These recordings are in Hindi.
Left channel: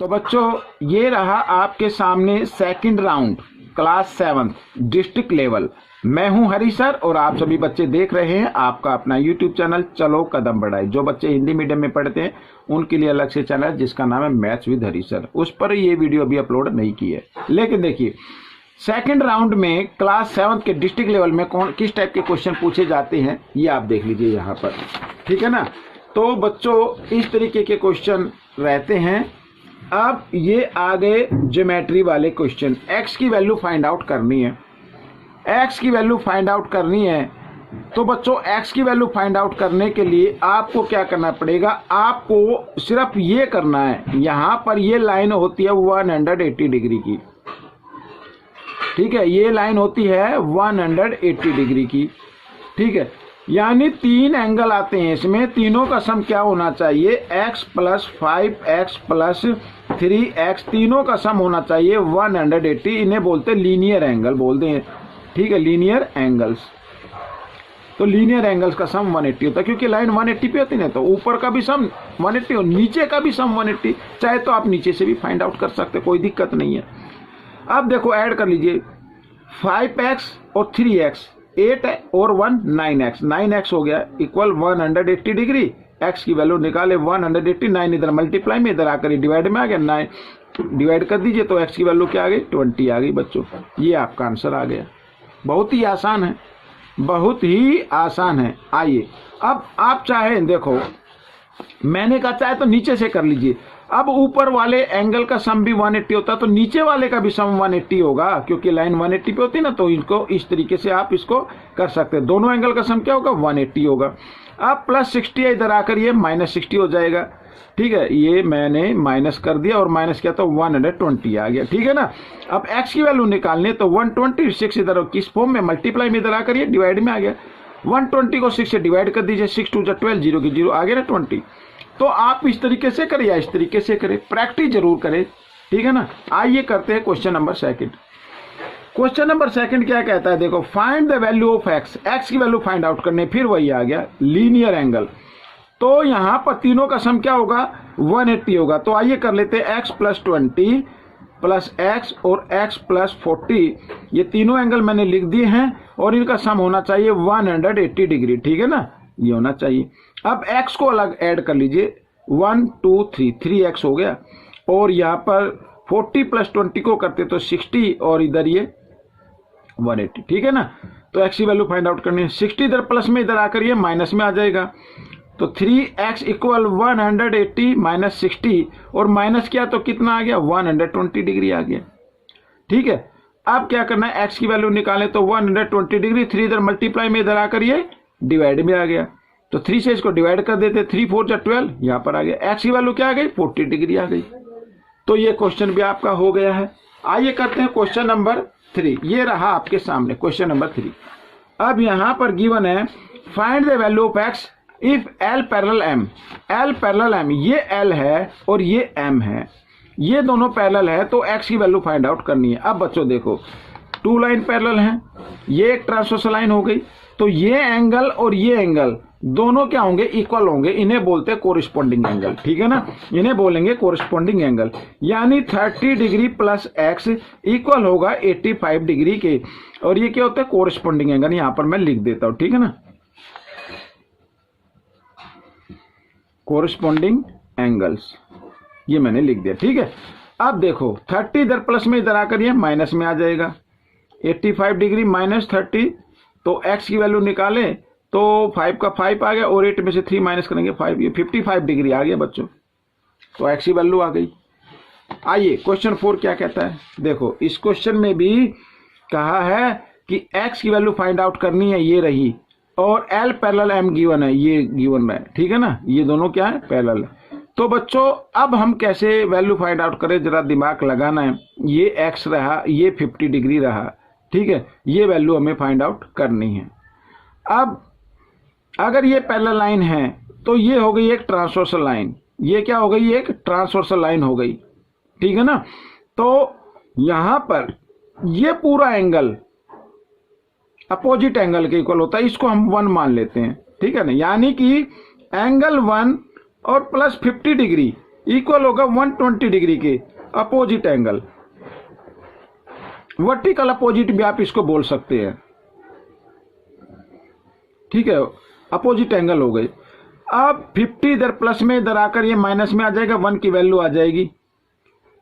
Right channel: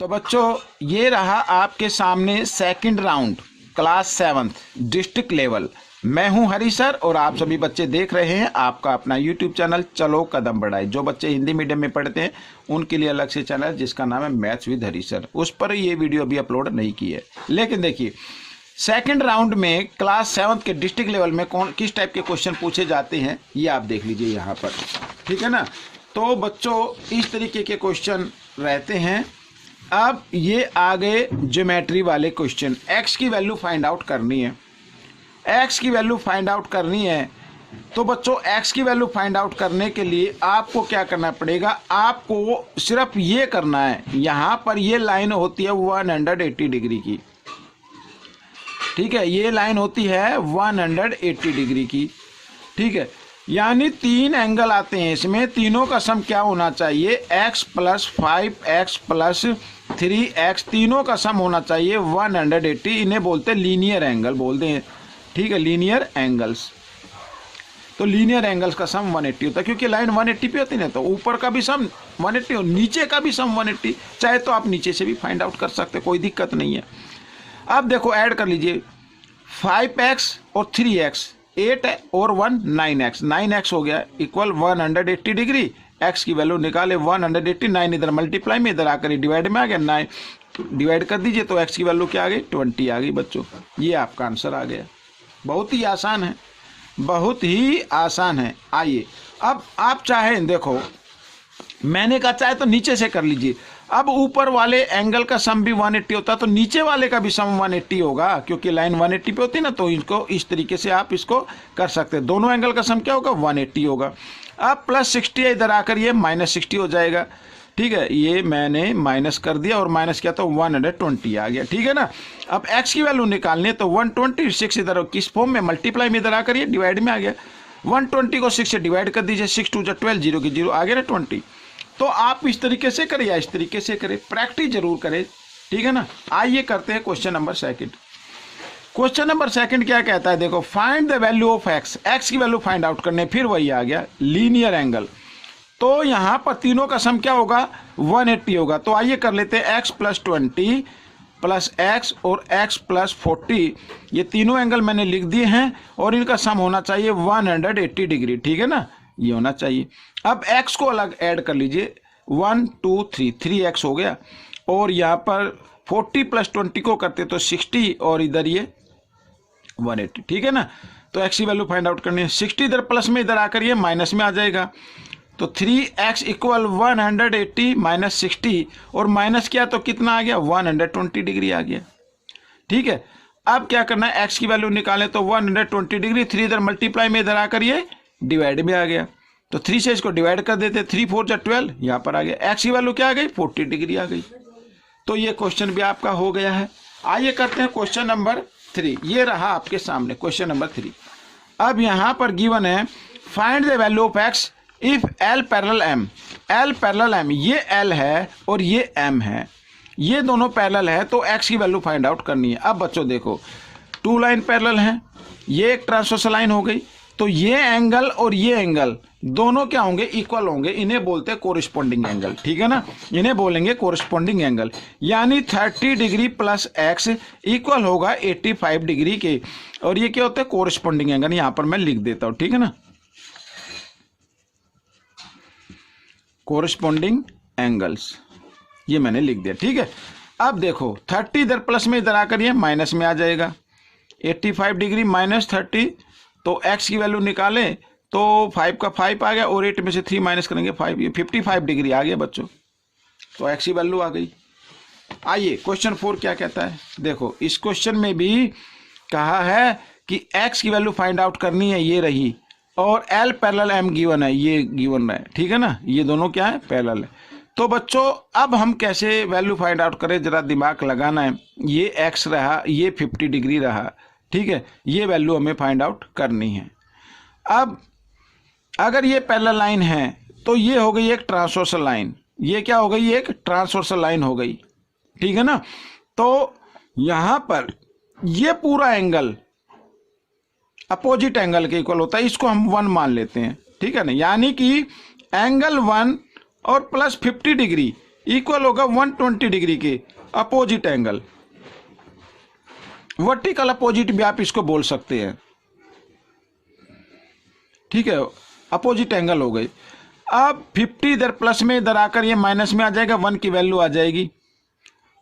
तो बच्चों ये रहा आपके सामने second round class 7 district level. मैं हूं हरी सर और आप सभी बच्चे देख रहे हैं आपका अपना यूट्यूब चैनल चलो कदम बढ़ाए। जो बच्चे हिंदी मीडियम में पढ़ते हैं उनके लिए अलग से चैनल जिसका नाम है मैथ्स विद हरी सर, उस पर ये वीडियो अभी अपलोड नहीं की है। लेकिन देखिए सेकंड राउंड में क्लास 7 के डिस्ट्रिक्ट लेवल में कौन किस टाइप के क्वेश्चन पूछे जाते हैं ये आप देख लीजिए यहाँ पर, ठीक है ना। तो बच्चों इस तरीके के क्वेश्चन रहते हैं। अब ये आगे ज्योमेट्री वाले क्वेश्चन, एक्स की वैल्यू फाइंड आउट करनी है, एक्स की वैल्यू फाइंड आउट करनी है। तो बच्चों एक्स की वैल्यू फाइंड आउट करने के लिए आपको क्या करना पड़ेगा, आपको सिर्फ ये करना है, यहाँ पर ये लाइन होती है 180 डिग्री की, ठीक है, ये लाइन होती है 180 डिग्री की, ठीक है। यानी तीन एंगल आते हैं इसमें, तीनों का सम क्या होना चाहिए, x + 5x + 3x, तीनों का सम होना चाहिए 180। इन्हें बोलते हैं लीनियर एंगल बोलते हैं, ठीक है, लीनियर एंगल्स। तो लीनियर एंगल्स का सम 180 होता है क्योंकि लाइन 180 पे होती है ना, तो ऊपर का भी सम 180 और नीचे का भी सम 180। चाहे तो आप नीचे से भी फाइंड आउट कर सकते, कोई दिक्कत नहीं है। अब देखो ऐड कर लीजिए 5x और 3x, 8 और 1 9x, 9x हो गया इक्वल 180 डिग्री। x की वैल्यू निकाले 180, 9 इधर मल्टीप्लाई में, इधर आकर डिवाइड में आ गया, 9 डिवाइड कर दीजिए तो x की वैल्यू क्या आ गई, 20 आ गई। बच्चों ये आपका आंसर आ गया। बहुत ही आसान है, बहुत ही आसान है। आइए अब आप चाहें, देखो मैंने कहा चाहे तो नीचे से कर लीजिए। अब ऊपर वाले एंगल का सम भी 180 होता है तो नीचे वाले का भी सम 180 होगा क्योंकि लाइन 180 पे होती है ना, तो इसको इस तरीके से आप इसको कर सकते हैं। दोनों एंगल का सम क्या होगा, 180 होगा। अब +60 है, इधर आकर ये -60 हो जाएगा, ठीक है। ये मैंने माइनस कर दिया और माइनस किया तो 120 आ गया, ठीक है ना। अब x की वैल्यू निकालनी है तो 126 इधर किस फॉर्म में, मल्टीप्लाई में, इधर आकर ये डिवाइड में आ गया। 120 को 6 से डिवाइड कर दीजिए, 6 2 12, 0 की 0 आ गया ना 20। तो आप इस तरीके से करें या इस तरीके से करें, प्रैक्टिस जरूर करें, ठीक है ना। आइए करते हैं question number second. Question number second क्या कहता है, देखो find the value of x, x की वैल्यू फाइंड आउट करने, फिर वही आ गया लीनियर एंगल। तो यहां पर तीनों का सम क्या होगा, 180 होगा। तो आइए कर लेते हैं x + 20 + x और x + 40, ये तीनों एंगल मैंने लिख दिए हैं और इनका सम होना चाहिए 180 डिग्री, ठीक है ना, ये होना चाहिए। अब x को अलग ऐड कर लीजिए, 1 2 3, 3x हो गया और यहाँ पर 40 + 20 को करते तो 60 और इधर ये 180, ठीक है ना। तो x की वैल्यू फाइंड आउट करनी है, 60 इधर प्लस में, इधर आकर ये माइनस में आ जाएगा। तो 3x = 180 - 60 और माइनस किया तो कितना आ गया, 120 डिग्री आ गया, ठीक है। अब क्या करना है, x की वैल्यू निकाले तो 120 डिग्री, 3 इधर मल्टीप्लाई में, इधर आकर ये डिवाइड में आ गया। तो 3 से इसको डिवाइड कर देते, 3 4 = 12, यहाँ पर आ गया। x की वैल्यू क्या आ गई, 40 डिग्री आ गई। तो ये क्वेश्चन भी आपका हो गया है। आइए करते हैं क्वेश्चन नंबर 3। ये रहा आपके सामने क्वेश्चन नंबर 3। अब यहाँ पर गिवन है find the value of x if L parallel M, L parallel M, ये L है और ये M है, ये दोनों पैरेलल है तो x की वैल्यू फाइंड आउट करनी है। अब बच्चों देखो 2 लाइन पैरेलल हैं, ये एक ट्रांसवर्सल लाइन हो गई, तो ये एंगल और ये एंगल दोनों क्या होंगे, इक्वल होंगे, इन्हें बोलते हैं कोरिस्पोंडिंग एंगल, ठीक है ना, इन्हें बोलेंगे कोरिस्पोंडिंग एंगल। यानी 30 डिग्री + x इक्वल होगा 85 डिग्री के, और ये क्या होता है, कोरिस्पोंडिंग एंगल। यहां पर मैं लिख देता हूं, ठीक है ना, कोरिस्पोंडिंग एंगल्स, ये मैंने लिख दिया, ठीक है। अब देखो 30 इधर प्लस में, इधर आकर ये माइनस में आ जाएगा, 85 डिग्री -30, तो x की वैल्यू निकाले तो 5 का 5 आ गया और 8 में से 3 माइनस करेंगे 5, ये 55 डिग्री आ गया बच्चों। तो x की वैल्यू आ गई। आइए क्वेश्चन 4 क्या कहता है, देखो इस क्वेश्चन में भी कहा है कि x की वैल्यू फाइंड आउट करनी है, ये रही, और L पैरेलल M गिवन है, ये गिवन है, ठीक है ना, ये दोनों क्या है, पैरेलल है। तो बच्चों अब हम कैसे वैल्यू फाइंड आउट करें, जरा दिमाग लगाना है। ये x रहा, ये 50 डिग्री रहा, ठीक है, ये वैल्यू हमें फाइंड आउट करनी है। अब अगर ये पैरेलल लाइन है तो ये हो गई एक ट्रांसवर्सल लाइन, ये क्या हो गई, एक ट्रांसवर्सल लाइन हो गई, ठीक है ना। तो यहां पर ये पूरा एंगल अपोजिट एंगल के इक्वल होता है, इसको हम 1 मान लेते हैं, ठीक है ना। यानी कि एंगल 1 और +50 डिग्री इक्वल होगा 120 डिग्री के अपोजिट एंगल, वर्टिकल अपोजिट भी आप इसको बोल सकते हैं, ठीक है, अपोजिट एंगल हो गई। अब 50 इधर प्लस में, इधर आकर ये माइनस में आ जाएगा, 1 की वैल्यू आ जाएगी,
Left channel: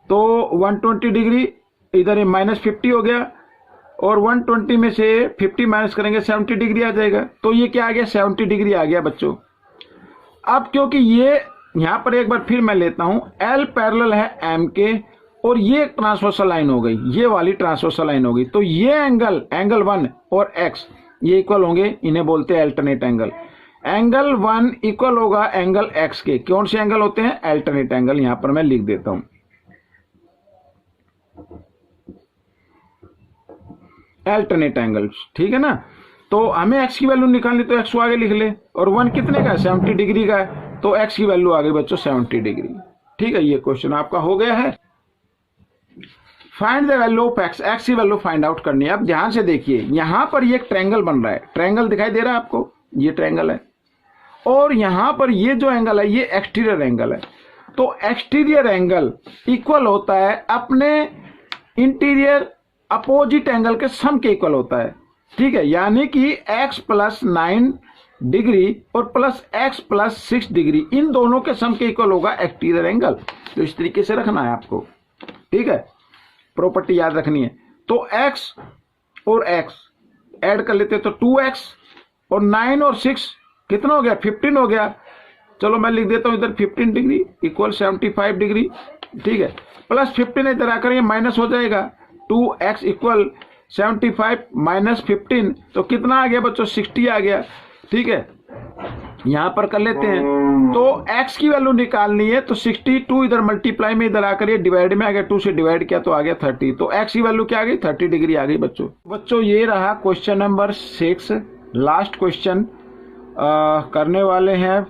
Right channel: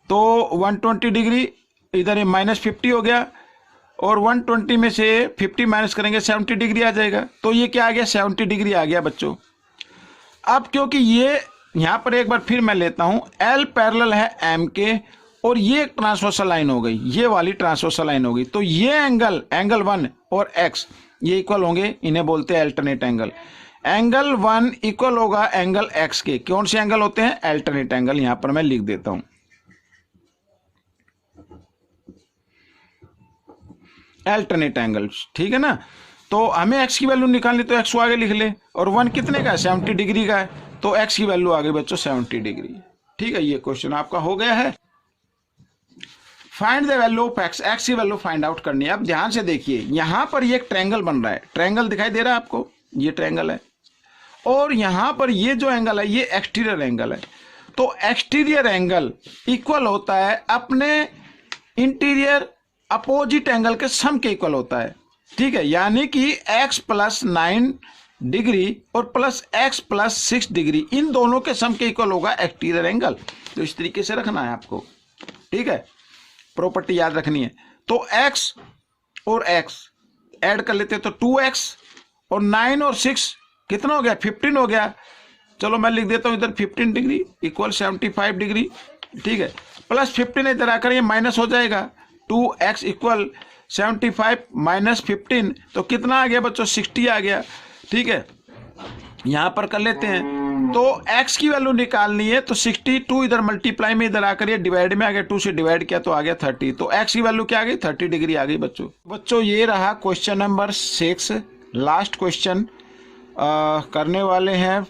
तो 120 डिग्री, इधर ये -50 हो गया, और 120 में से 50 माइनस करेंगे 70 डिग्री आ जाएगा, तो ये क्या आ गया, 70 डिग्री आ गया बच्चों। अब क्योंकि ये यहां पर एक बार फिर मैं लेता हूं, L पैरेलल है M के, और ये एक ट्रांसवर्सल लाइन हो गई, ये वाली ट्रांसवर्सल लाइन हो गई, तो ये एंगल 1 और X ये इक्वल होंगे, इन्हें बोलते हैं अल्टरनेट एंगल। एंगल 1 इक्वल होगा एंगल X के, कौन से एंगल होते हैं, अल्टरनेट एंगल, यहां पर मैं लिख देता हूं अल्टरनेट एंगल, ठीक है ना। तो हमें x की वैल्यू निकालनी, तो x को आगे लिख ले, और 1 कितने का है, 70 डिग्री का है, तो x की वैल्यू आ गई बच्चों 70 डिग्री, ठीक है। ये क्वेश्चन आपका हो गया है। Find the value of x की वैल्यू फाइंड आउट करनी है। अब ध्यान से देखिए, यहां पर ये एक ट्रायंगल बन रहा है, ट्रायंगल दिखाई दे रहा है आपको, ये ट्रायंगल है, और यहां पर ये जो एंगल है ये एक्सटीरियर एंगल है, तो एक्सटीरियर एंगल इक्वल होता है अपने इंटीरियर अपोजिट एंगल के सम के इक्वल होता है, ठीक है। यानी कि x + 9 डिग्री और प्लस x + 6 डिग्री, इन दोनों के सम के इक्वल होगा एक्सटीरियर एंगल। तो इस तरीके से रखना है आपको, ठीक है, प्रॉपर्टी याद रखनी है। तो x और x ऐड कर लेते हैं, तो 2x, और 9 और 6 कितना हो गया, 15 हो गया। चलो मैं लिख देता हूं इधर 15 डिग्री इक्वल 75 डिग्री, ठीक है, प्लस 15 इधर आकर ये माइनस हो जाएगा, 2x इक्वल 75 माइनस 15, तो कितना आ गया बच्चों, 60 आ गया, ठीक है। यहां पर कर लेते हैं, तो x की वैल्यू निकालनी है, तो 62 इधर मल्टीप्लाई में, इधर आकर ये डिवाइड में आ गया, 2 से डिवाइड किया तो आ गया 30, तो x की वैल्यू क्या आ गई, 30 डिग्री आ गई बच्चों। ये रहा क्वेश्चन नंबर 6, लास्ट क्वेश्चन करने वाले हैं,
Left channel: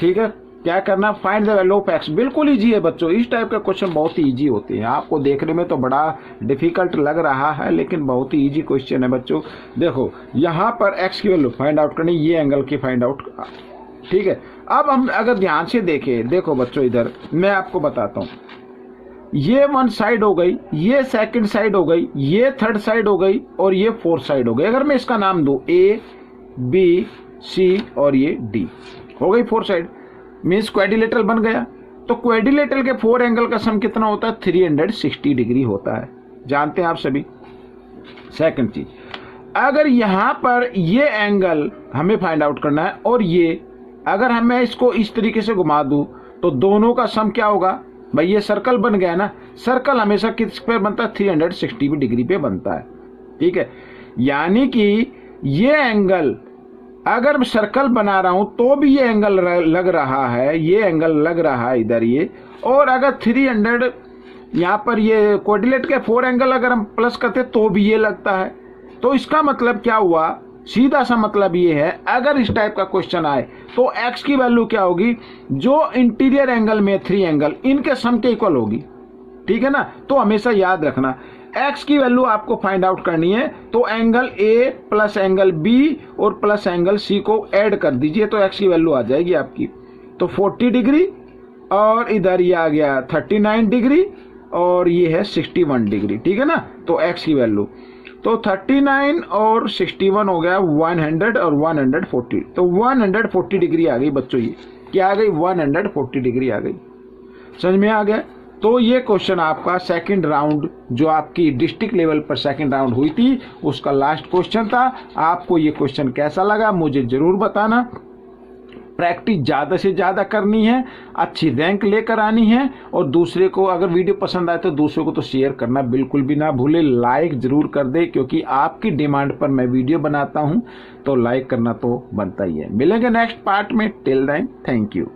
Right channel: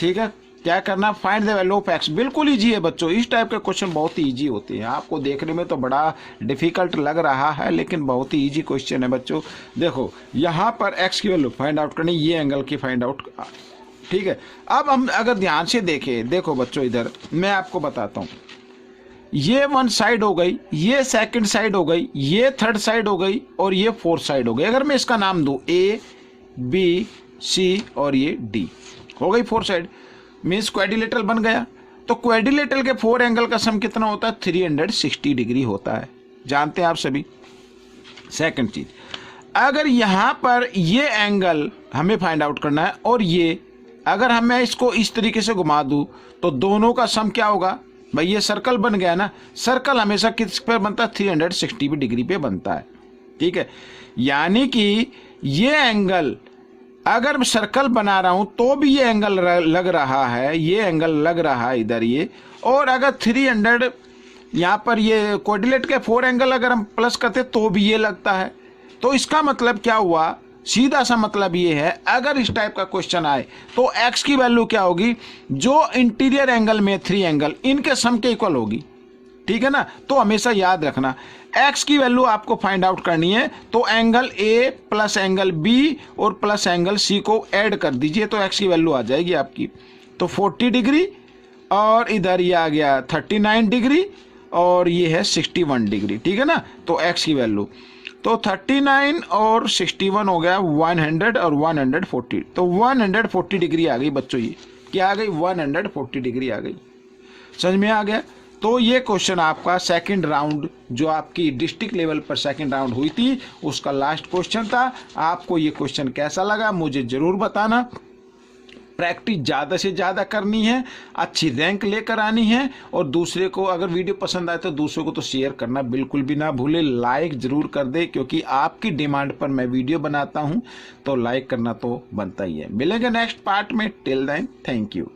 ठीक है। क्या करना, find the value of x। बिल्कुल इजी है बच्चों, इस टाइप के क्वेश्चन बहुत ही इजी होते हैं, आपको देखने में तो बड़ा डिफिकल्ट लग रहा है, लेकिन बहुत ही इजी क्वेश्चन है बच्चों। देखो यहाँ पर x की वैल्यू फाइंड आउट करनी, ये एंगल की फाइंड आउट, ठीक है। अब हम अगर ध्यान से देखें, देखो बच्चों इधर मैं आपको बताता हूँ, ये 1 साइड हो गई, ये 2nd साइड हो गई, ये 3rd साइड हो गई, और ये 4th साइड हो गई। अगर मैं इसका नाम दूं A B C और ये D, हो गई 4 साइड, मीन्स क्वाड्रिलेटरल बन गया। तो क्वाड्रिलेटरल के 4 एंगल का सम कितना होता है, 360 डिग्री होता है, जानते हैं आप सभी। सेकंड चीज, अगर यहां पर ये एंगल हमें फाइंड आउट करना है, और ये अगर हमें इसको इस तरीके से घुमा दूं, तो दोनों का सम क्या होगा भाई, ये सर्कल बन गया ना, सर्कल हमेशा किस पे बनता है, 360 डिग्री पे बनता है, ठीक है। यानी कि ये एंगल, अगर सर्कल बना रहा हूं तो भी ये एंगल लग रहा है, ये एंगल लग रहा है इधर ये, और अगर 300 यहां पर ये क्वाड्रिलेट के 4 एंगल अगर हम प्लस करते तो भी ये लगता है। तो इसका मतलब क्या हुआ, सीधा सा मतलब ये है, अगर इस टाइप का क्वेश्चन आए तो x की वैल्यू क्या होगी, जो इंटीरियर एंगल में 3 एंगल इनके सम के इक्वल होगी, ठीक है ना। तो हमेशा याद रखना, x की वैल्यू आपको फाइंड आउट करनी है, तो angle A plus angle B और प्लस एंगल C को ऐड कर दीजिए, तो x की वैल्यू आ जाएगी आपकी, तो 40 डिग्री, और इधर ये आ गया 39 डिग्री, और ये है 61 डिग्री, ठीक है ना। तो x की वैल्यू, तो 39 और 61 हो गया 100 और 140, तो 140 डिग्री आ गई बच्चों, ये क्या आ गई, 140 डिग्री आ गई, समझ में आ गया। तो ये क्वेश्चन आपका सेकंड राउंड, जो आपकी डिस्ट्रिक्ट लेवल पर सेकंड राउंड हुई थी, उसका लास्ट क्वेश्चन था। आपको ये क्वेश्चन कैसा लगा मुझे जरूर बताना। प्रैक्टिस ज़्यादा से ज़्यादा करनी है, अच्छी रैंक लेकर आनी है, और दूसरे को अगर वीडियो पसंद आए तो दूसरों को तो शेयर करना बिल्कुल भी ना भूले, लाइक ज़रूर कर दे, क्योंकि आपकी डिमांड पर मैं वीडियो बनाता हूं, तो लाइक करना तो बनता ही है। मिलेंगे नेक्स्ट पार्ट में, टिल देन थैंक यू।